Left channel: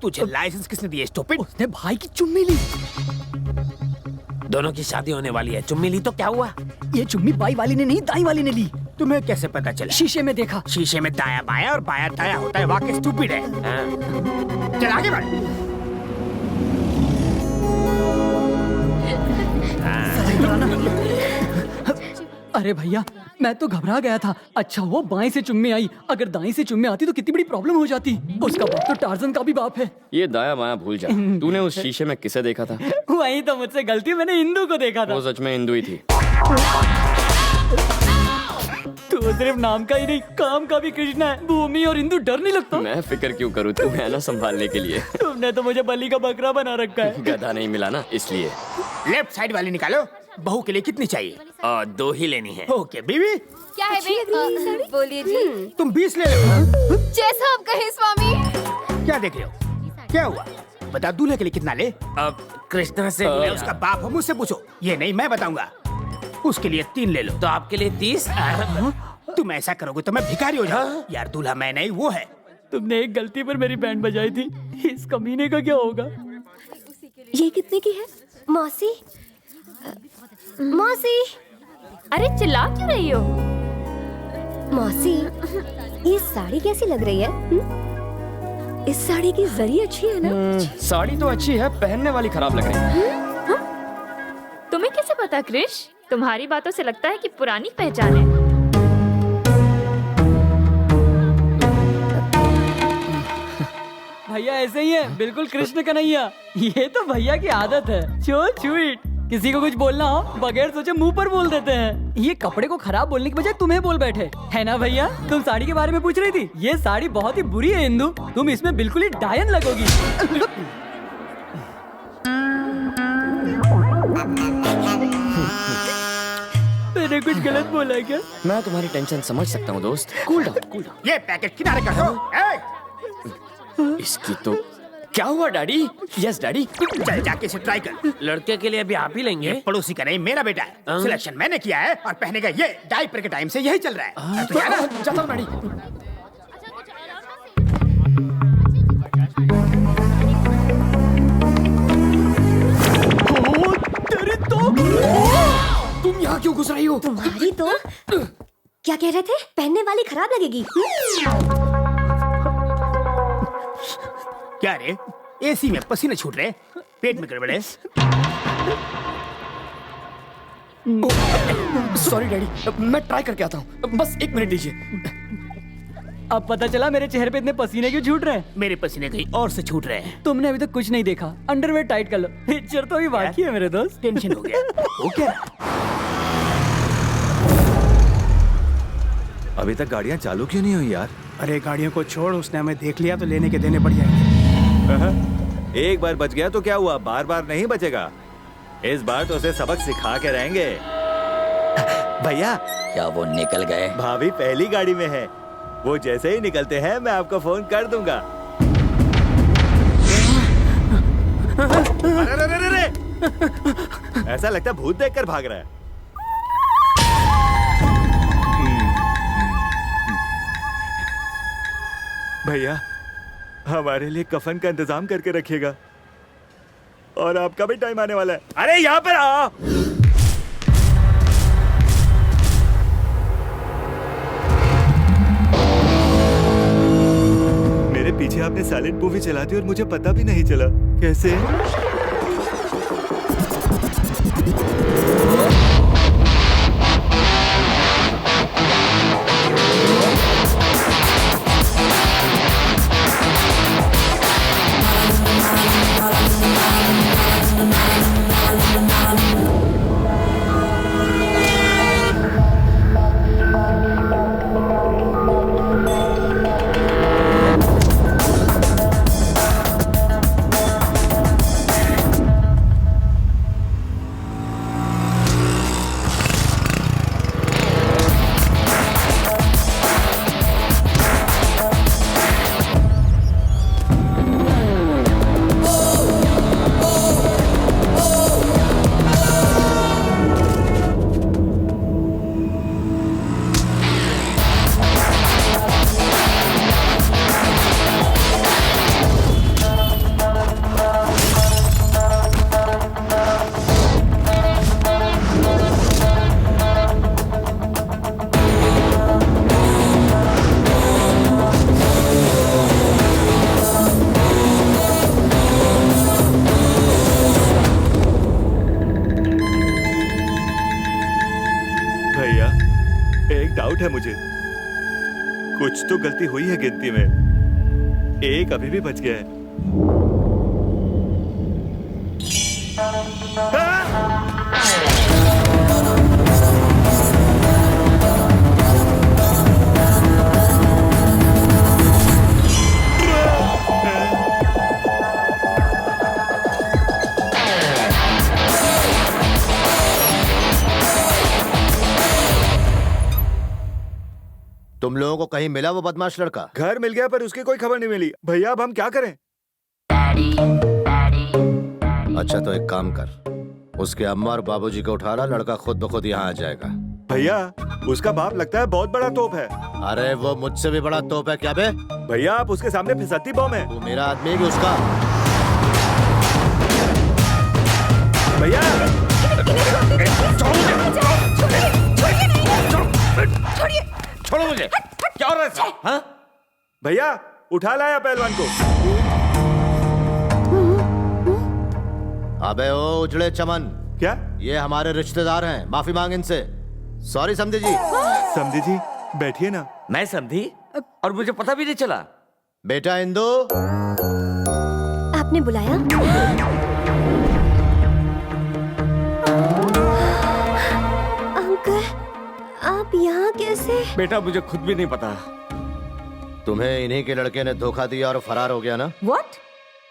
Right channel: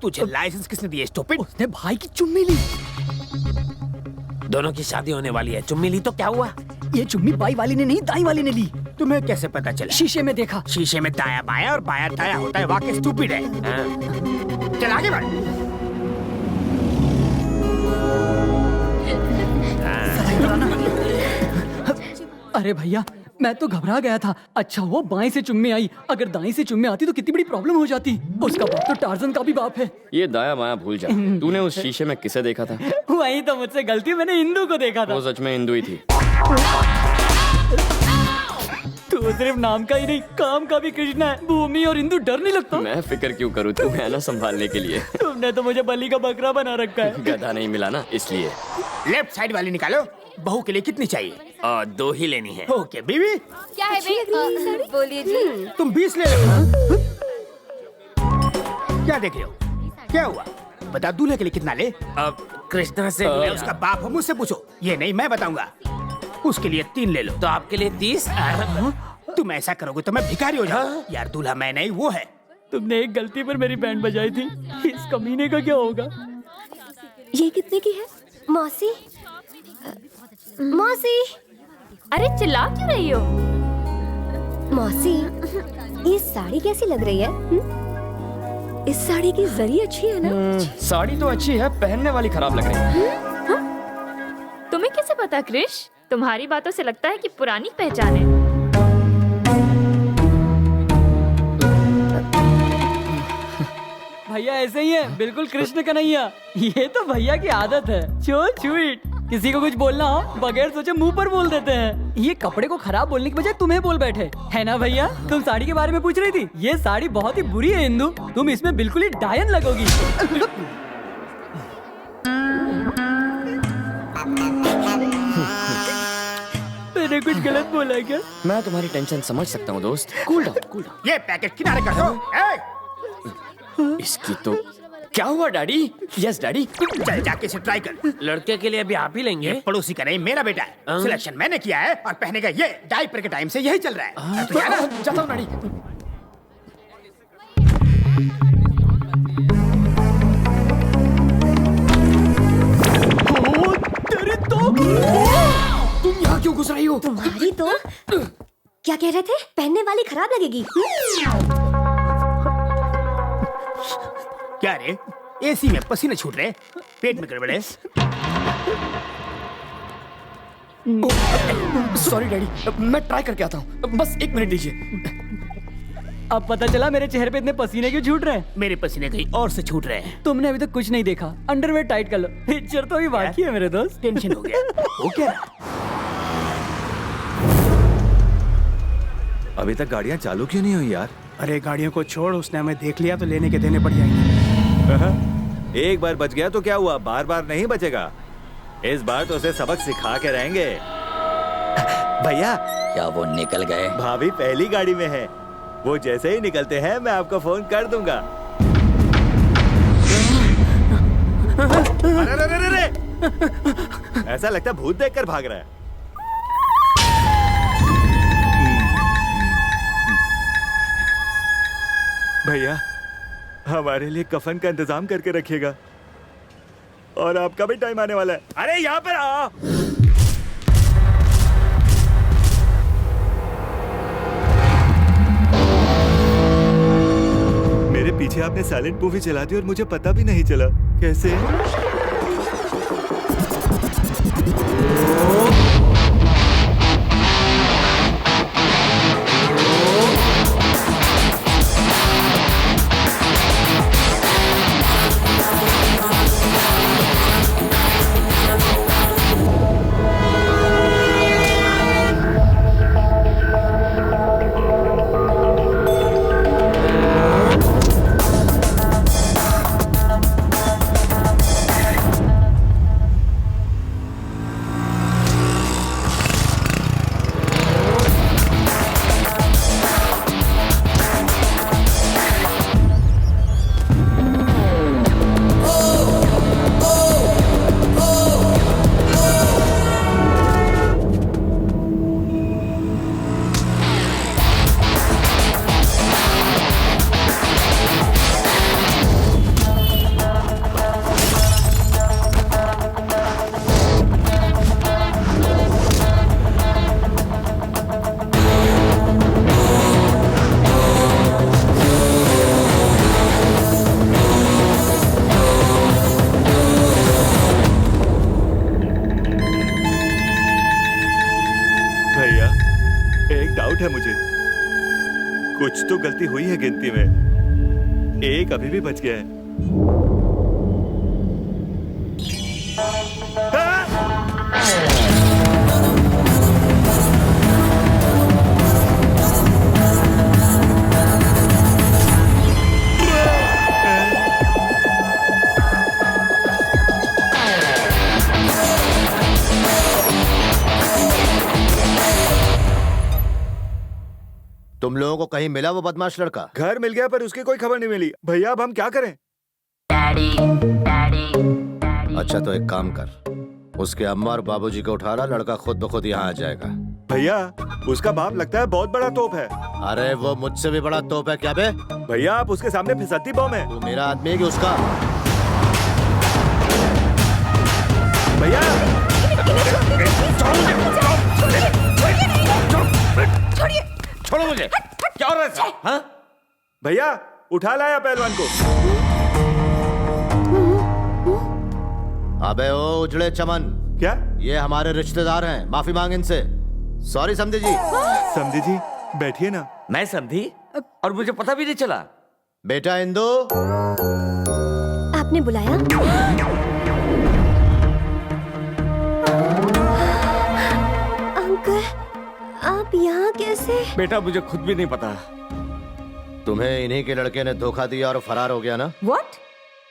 तुझे लाइसेंस किसने दिया स्टूपिड? उसने भाई की चुम्मी ली। दोनों की शादी होने वाली है, चुम्मी ली तो क्या हुआ? ये चुम्मी बाई वाली ने नहीं, दाई वाली ने ली। तुम्हें कैसे पता चला? शीशे में देखा। शीशे में दाया बाया और बाया दाया होता है, वाकई स्टूपिड है। हाँ। चल आगे बढ़। अरे भैया, मैं तो घबरा गया था। अच्छा हुआ बाएं से चुम्मी आई, अगर दाएं से चुम्मी आती तो कितनी बड़ी प्रॉब्लम हो जाती। उसका बाप तो टार्जन का भी बाप है। ये दाया माया भूल जा। तूने उस शीशे में किसे देखा था? वही तो मुझसे गलती, मैंने इंदू को देखा था। वो सच में हिंदू ही थी। तो सिर्फ नाम का ही नहीं, काम का भी कृष्णा है। भूमि और इंदू डर नहीं लगता? मैं फिक्र क्यों करूँ, तू है ना संभालने के लिए। तुमने तो मुझे बलि का बकरा बना रखा है। गधा नहीं मिला ना, इसलिए। लेफ्ट साइड वाली निकालो। बहू के लिए कितनी चाहिए? 2 ही लेनी है। ओके बीवी। क्या है भाई? बोलिए जी। तुम 20 ले लो। जैसा आप कहें स्वामी। क्या देख रहे हो? क्या हुआ? बता, दूल्हे के लिए कितना ले? कृष्णा से मैं उसका बाप हूँ, मुझसे पूछो। ये नहीं, मैं बताऊंगा। उसके लिए 3 ले लो। तो आपके लिए 30? तुम ऐसा करोगे तो मैं भिखारी हो जाऊँ। यार दूल्हा मैं नहीं, वो है। तुमने एक गलती पर मेरी बैंड बजाई थी, इस कमीने का क्या होगा? ये कितने की है? मौसी, मौसी। अरे चिल्ला क्यों रही हो? मौसी, ये साड़ी कैसी लग रही है? इस साड़ी की जरी अच्छी है ना? साड़ी तो अच्छी है, पहनने वाली खराब लग रही है। तुम्हें कैसे पता क्रिश? तुम्हारी बातों से लगता है कि पुरानी पहचान है। भैया ऐसे ही है, बिल्कुल कृष्ण कन्हैया। ये तो भैया की आदत है, सो स्वीट। किसी को कुछ बोलना हो बगैर सोचे मुंह पर बोल देते हैं। ये कपड़े को खराब बोलने की बजाय तुम्हें बोल बैठे, है ना भैया? तुम साड़ी के बारे में पूछ रही थी। ये साड़ी बहुत ही बुरी है इंदु, तुम इसमें बिल्कुल ही डायन लगोगी। मैंने कुछ गलत बोला क्या? मैं तुम्हारी टेंशन समझ सकता हूँ दोस्त। Cool down, cool down. ये पैकेट किनारे कर दो। इसकी तो क्या हुआ डैडी? Yes daddy. चल जाके इसे ट्राई कर। लड़के के लिए अभी आप ही लेंगे? पड़ोसी का नहीं, मेरा बेटा है। सिलेक्शन मैंने किया है और पहनेगा ये। डायपर के टाइम से यही चल रहा है। तो यार चलो डैडी। तुम यहाँ क्यों घुस रही हो? तुम्हारी तो क्या कह रहे थे? पहनने वाली खराब लगेगी। क्या रे, एसी में पसीने छूट रहे, पेट में गड़बड़ है। सॉरी डैडी, मैं ट्राई करके आता हूँ, बस 1 मिनट दीजिए। अब पता चला मेरे चेहरे पे इतने पसीने क्यों छूट रहे हैं। मेरे पसीने कहीं और से छूट रहे हैं। तुमने अभी तक कुछ नहीं देखा। अंडरवेयर टाइट कर लो, पिक्चर तो अभी बाकी है मेरे दोस्त। टेंशन हो गया। हो क्या? अभी तक गाड़ियाँ चालू क्यों नहीं हुई यार? अरे गाड़ियों को छोड़, उसने हमें देख लिया तो लेने के देने पड़ जाएंगे। एक बार बच गया तो क्या हुआ, बार बार नहीं बचेगा। इस बार तो उसे सबक सिखा के रहेंगे। भैया, क्या वो निकल गए? भाभी पहली गाड़ी में है, वो जैसे ही निकलते हैं मैं आपको फोन कर दूंगा। अरे, ऐसा लगता है भूत देखकर भाग रहा है। भैया, हमारे लिए कफन का इंतजाम करके रखिएगा, और आपका भी टाइम आने वाला है। अरे यहाँ पर आ। मेरे पीछे आपने साइलेंट मूवी चला दी और मुझे पता भी नहीं चला। कैसे? एक डाउट है मुझे, कुछ तो गलती हुई है गिनती में। एक अभी भी बच गया है। तुम लोगों को कहीं मिला वो बदमाश लड़का? घर मिल गया पर उसकी कोई खबर नहीं मिली। भैया अब हम क्या करें? अच्छा तो एक काम कर, उसके अम्मा और बाबूजी को उठा ला, लड़का खुद ब खुद यहाँ आ जाएगा। भैया उसका बाप लगता है बहुत बड़ा तोप है। अरे वो मुझसे भी बड़ा तोप है क्या बे? भैया आप उसके सामने फिसलती बम है। तू मेरा आदमी है कि उसका? भैया छोड़ो मुझे। क्या हो रहा है साहब? हाँ? भैया उठा लाया पहलवान को। अबे ओ उजड़े चमन, क्या? ये हमारे रिश्तेदार हैं, माफी मांग इनसे। सॉरी समझे जी। समझी जी बैठिए ना। मैं समझी और मुझे पता भी नहीं चला। बेटा इंदु, आपने बुलाया? अंकल आप यहाँ कैसे? बेटा मुझे खुद भी नहीं पता। तुम्हें इन्हीं के लड़के ने धोखा दिया और फरार हो गया ना? व्हाट?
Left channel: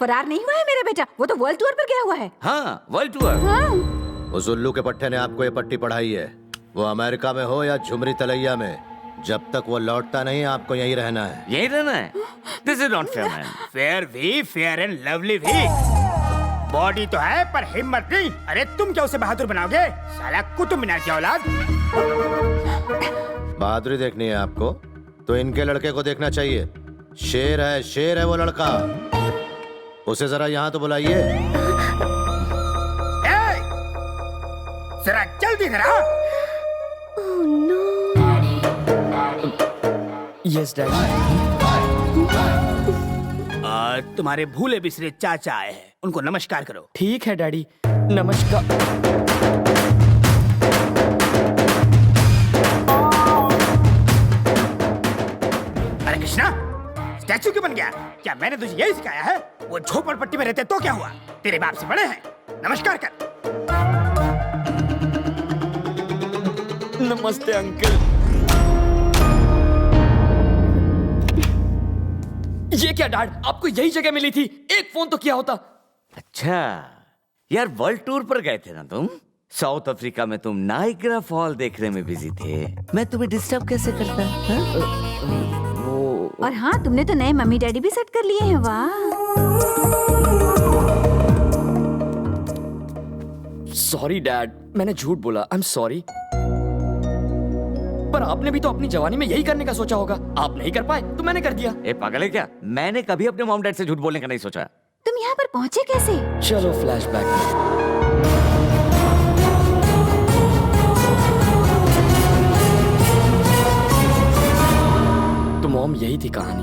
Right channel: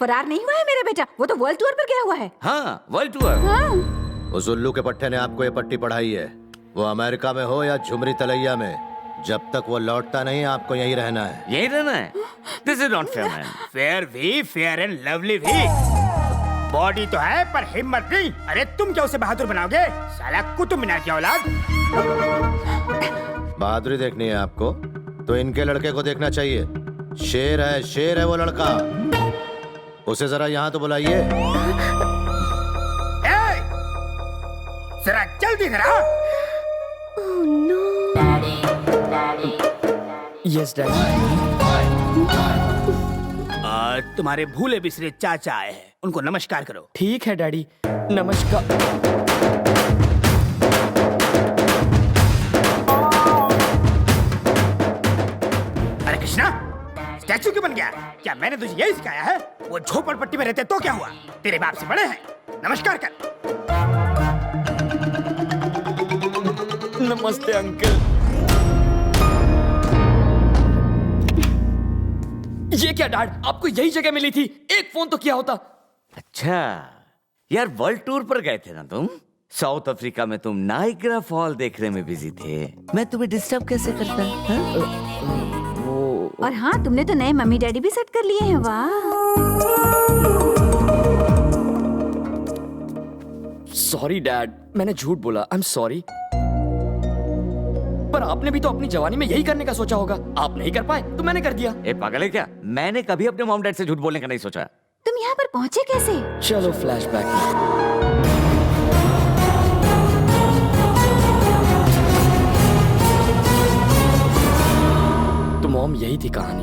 फरार नहीं हुआ है मेरा बेटा, वो तो वर्ल्ड टूर पर गया हुआ है। हाँ वर्ल्ड टूर। उस उल्लू के पट्टे ने आपको ये पट्टी पढ़ाई है। वो अमेरिका में हो या झुमरी तलैया में, जब तक वो लौटता नहीं आपको यहीं रहना है। यही रहना है? This is not fair man. Fair भी, फेयर एंड लवली भी। बॉडी तो है पर हिम्मत नहीं। अरे तुम क्या उसे बहादुर बनाओगे? साला कुतुब मीनार की औलाद। बहादुरी देखनी है आपको तो इनके लड़के को देखना चाहिए। शेर है वो लड़का। उसे जरा यहाँ तो बुलाइए। जरा जल्दी जरा। Oh no. Yes daddy. तुम्हारे भूले बिसरे चाचा आए हैं, उनको नमस्कार करो। ठीक है डैडी, नमस्कार। अरे कृष्णा स्टैचू क्यों बन गया? क्या मैंने तुझे यही सिखाया है? वो झोपड़पट्टी में रहते तो क्या हुआ? तेरे बाप से बड़े हैं, नमस्कार कर। नमस्ते अंकल। ये क्या डैड, आपको यही जगह मिली थी? एक फोन तो किया होता। अच्छा यार, वर्ल्ड टूर पर गए थे ना तुम? साउथ अफ्रीका में तुम नाइग्रा फॉल देखने में बिजी थे। मैं तुम्हें डिस्टर्ब कैसे करता? और हाँ, तुमने तो नए मम्मी डैडी भी सेट कर लिए हैं। वाह। सॉरी डैड, मैंने झूठ बोला। I am sorry. पर आपने भी तो अपनी जवानी में यही करने का सोचा होगा। आप नहीं कर पाए तो मैंने कर दिया। ए पागल है क्या? मैंने कभी अपने मॉम डैड से झूठ बोलने का नहीं सोचा। तुम यहाँ पर पहुँचे कैसे? चलो फ्लैशबैक में। तो मॉम यही थी कहानी।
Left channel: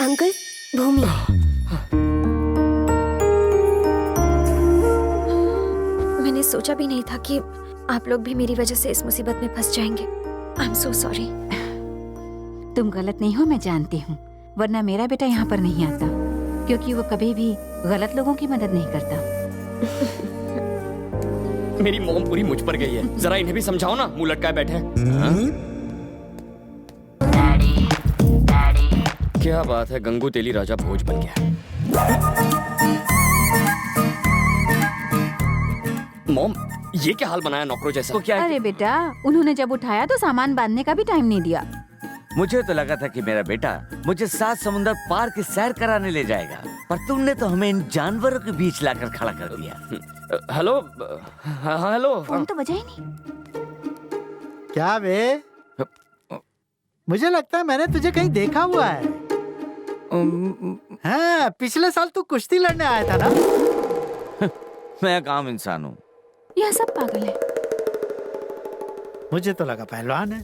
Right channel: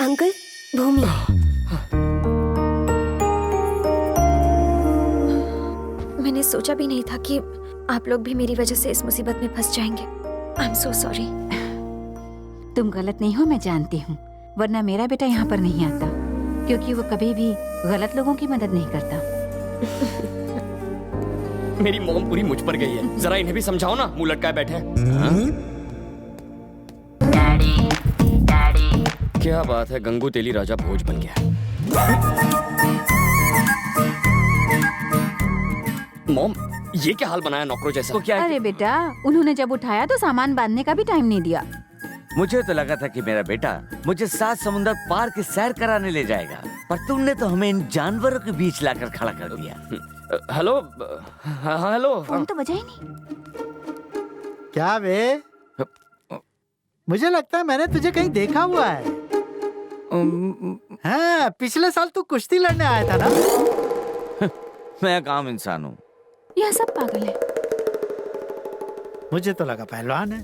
अंकल भूमि। मैंने सोचा भी नहीं था कि आप लोग भी मेरी वजह से इस मुसीबत में फंस जाएंगे। I am so sorry. तुम गलत नहीं हो, मैं जानती हूँ, वरना मेरा बेटा यहाँ पर नहीं आता, क्योंकि वो कभी भी गलत लोगों की मदद नहीं करता। मेरी मॉम पूरी मुझ पर गई है। जरा इन्हें भी समझाओ ना, मुंह लटकाए बैठे हैं। क्या बात है, गंगू तेली राजा भोज बन गया। मॉम, ये क्या हाल बनाया नौकरों जैसा? तो क्या? अरे बेटा, उन्होंने जब उठाया तो सामान बांधने का भी टाइम नहीं दिया। मुझे तो लगा था कि मेरा बेटा मुझे 7 समुंदर पार की सैर कराने ले जाएगा, पर तुमने तो हमें इन जानवरों के बीच लाकर खड़ा कर दिया। Hello, hello. फोन तो बजा ही नहीं। क्या बे? मुझे लगता है मैंने तुझे कहीं देखा हुआ है। हाँ, पिछले साल तू कुश्ती लड़ने आया था ना? मैं एक आम इंसान हूँ। यह सब पागल है। मुझे तो लगा पहलवान है।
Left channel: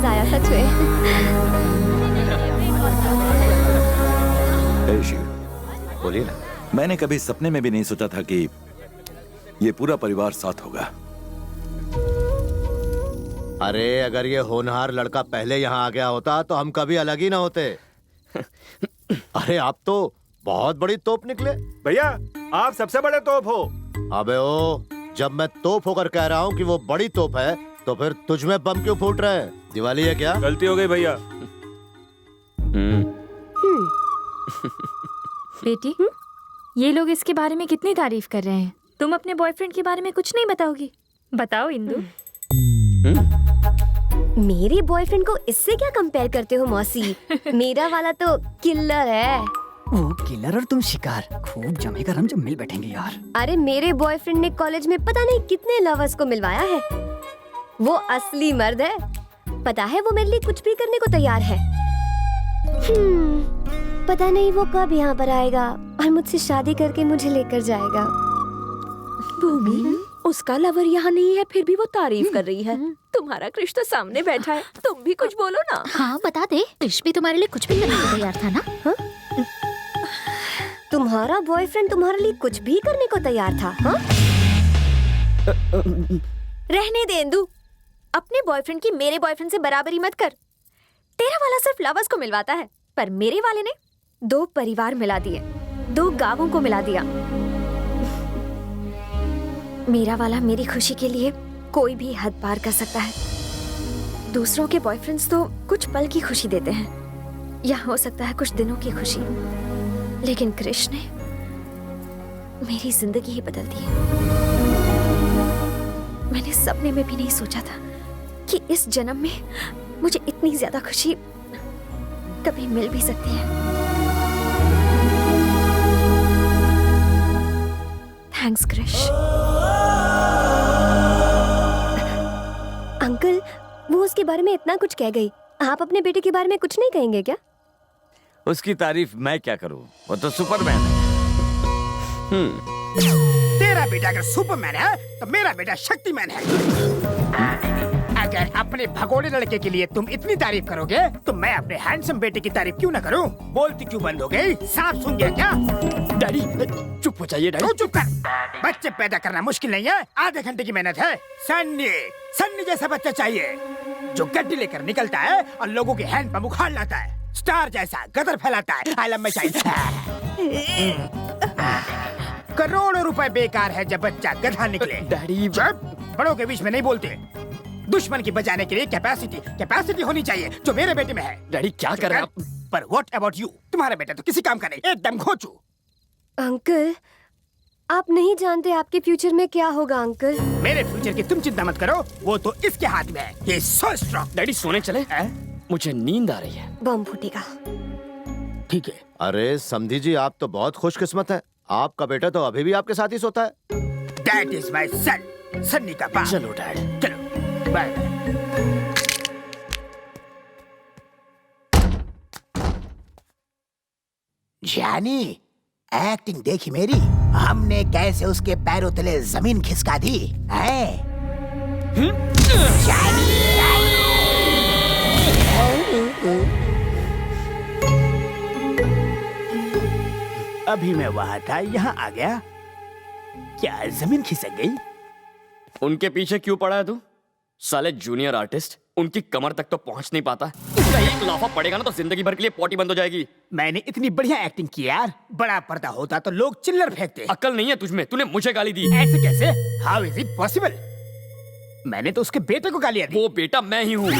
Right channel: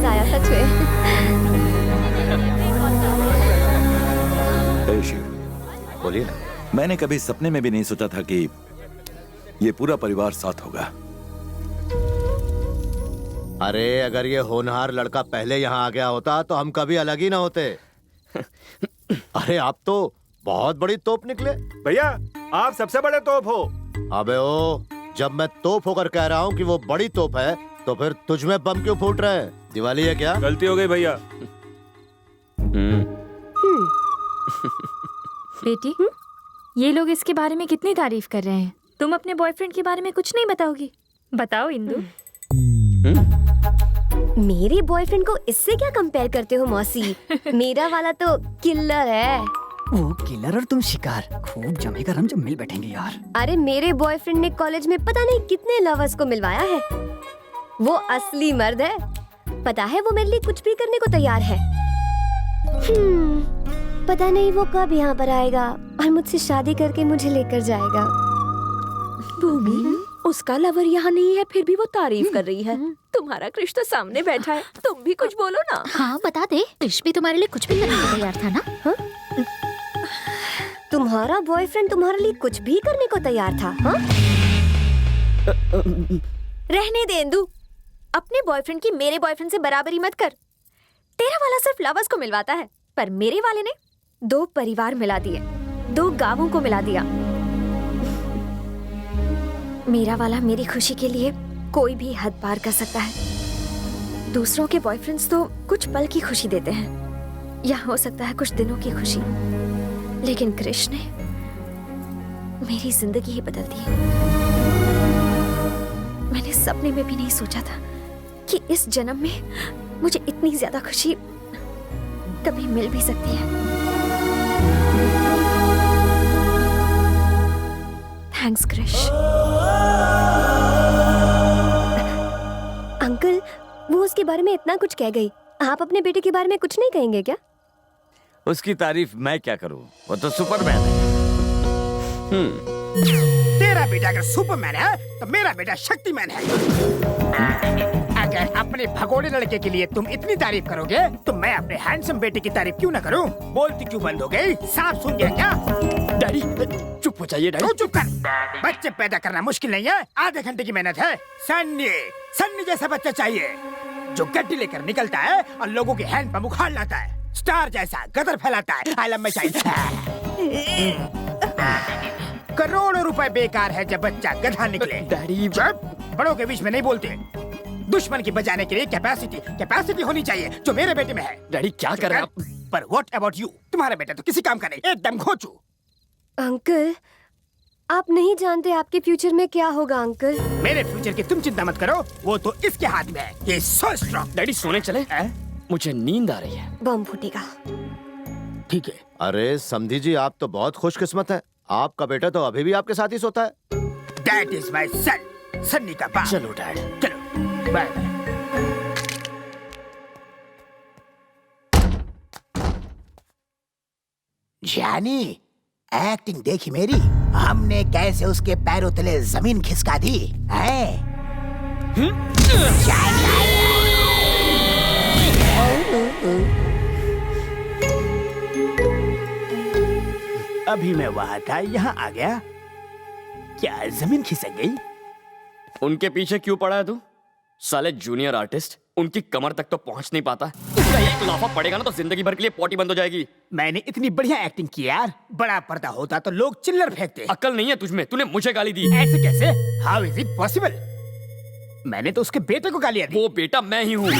मजा आया सच में। हे शिव, बोलिए ना। मैंने कभी सपने में भी नहीं सोचा था कि ये पूरा परिवार साथ होगा। अरे अगर ये होनहार लड़का पहले यहाँ आ गया होता तो हम कभी अलग ही ना होते। अरे आप तो बहुत बड़ी तोप निकले। भैया आप सबसे बड़े तोप हो। अबे ओ, जब मैं तोप होकर कह रहा हूँ कि वो बड़ी तोप है तो फिर तुझ में बम क्यों फूट रहे हैं? दिवाली है क्या? गलती हो गई भैया। बेटी, ये लोग इसके बारे में कितनी तारीफ कर रहे हैं, तुम अपने बॉयफ्रेंड के बारे में कुछ नहीं बताओगी? बताओ इंदु। मेरे बॉयफ्रेंड को इससे क्या कंपेयर करते हो मौसी? मेरा वाला तो किलर है। वो किलर और तुम शिकार, खूब जमेगा हम जब मिल बैठेंगे यार। अरे मेरे बॉयफ्रेंड ने कॉलेज में पता नहीं कितने लवर्स को मिलवाया है। वो असली मर्द है। पता है वो मेरे लिए कुछ भी करने को तैयार है। पता नहीं वो कब यहाँ पर आएगा और मुझसे शादी करके मुझे लेकर जाएगा। भूमि, उसका लवर यहाँ नहीं है फिर भी वो तारीफ कर रही है। तुम्हारा कृष तो सामने बैठा है, तुम भी कुछ बोलो ना। हाँ बता दे, कृष भी तुम्हारे लिए कुछ भी करने को तैयार था ना? हा? तुम्हारा बॉयफ्रेंड तुम्हारे लिए कुछ भी करने को तैयार था? हा? रहने दे इंदु, अपने बॉयफ्रेंड की मेरे बॉयफ्रेंड से बराबरी मत कर। तेरा वाला सिर्फ लवर्स को मिलवाता है, पर मेरे वाले ने 2 परिवार मिला दिए, 2 गांवों को मिला दिया। मेरा वाला मेरी खुशी के लिए कोई भी हद पार कर सकता है। दूसरों के बॉयफ्रेंड्स तो कुछ पल की खुशी देते हैं या हो सकता है कुछ दिनों की खुशी, लेकिन कृष ने मेरी जिंदगी ही बदल दी। मैंने सपने में भी नहीं सोचा था कि इस जन्म में मुझे इतनी ज्यादा खुशी कभी मिल भी सकती है। थैंक्स कृष। अंकल, वो उसके बारे में इतना कुछ कह गई, आप अपने बेटे के बारे में कुछ नहीं कहेंगे क्या? उसकी तारीफ मैं क्या करूं, वो तो सुपरमैन है। तेरा बेटा अगर सुपरमैन है तो मेरा बेटा शक्तिमैन है। अगर अपने भगोड़े लड़के के लिए तुम इतनी तारीफ करोगे तो मैं अपने हैंडसम बेटे की तारीफ क्यों ना करूं? बोलती क्यों बंद हो गई? सांप सूंघ गया क्या? डैडी चुप हो जाइए डैडी। तू चुप कर। बच्चे पैदा करना मुश्किल नहीं है, आधे घंटे की मेहनत है। सन्नी जैसा बच्चा चाहिए जो गड्डी लेकर निकलता है और लोगों के हैंड पर उखाड़ लाता है। स्टार जैसा गदर फैलाता है। आलम में चाहिए। करोड़ों रुपए बेकार है जब बच्चा गधा निकले। डैडी बड़ों के बीच में नहीं बोलते। दुश्मन की बजाने के लिए कैपेसिटी होनी चाहिए जो मेरे बेटे में है। डैडी क्या कर रहे हैं आप? पर व्हाट अबाउट यू? तुम्हारा बेटा तो किसी काम का नहीं, एकदम घोंचू। अंकल, आप नहीं जानते आपके फ्यूचर में क्या होगा अंकल। मेरे फ्यूचर की तुम चिंता मत करो, वो तो इसके हाथ में है। He is so strong। Daddy सोने चले? मुझे नींद आ रही है। बम फूटेगा। ठीक है। अरे समधी जी, आप तो बहुत खुशकिस्मत है। आपका बेटा तो अभी भी आपके साथ ही सोता है। That is my son, Sunny का बाप। चलो डैड, चलो बाय बाय। जानी, एक्टिंग देखी मेरी? हमने कैसे उसके पैरों तले जमीन खिसका दी है? अभी मैं वहां था, यहाँ आ गया। क्या जमीन खिसक गई? उनके पीछे क्यों पड़ा है तू? साले जूनियर आर्टिस्ट, उनकी कमर तक तो पहुंच नहीं पाता। उसका एक लाफा पड़ेगा ना तो जिंदगी भर के लिए पॉटी बंद हो जाएगी। मैंने इतनी बढ़िया एक्टिंग की यार, बड़ा पर्दा होता तो लोग चिल्लर फेंकते। अक्ल नहीं है तुझमें, तूने मुझे गाली दी। ऐसे कैसे? How is it possible? मैंने तो उसके बेटे को गालियां दी। वो बेटा मैं ही हूँ।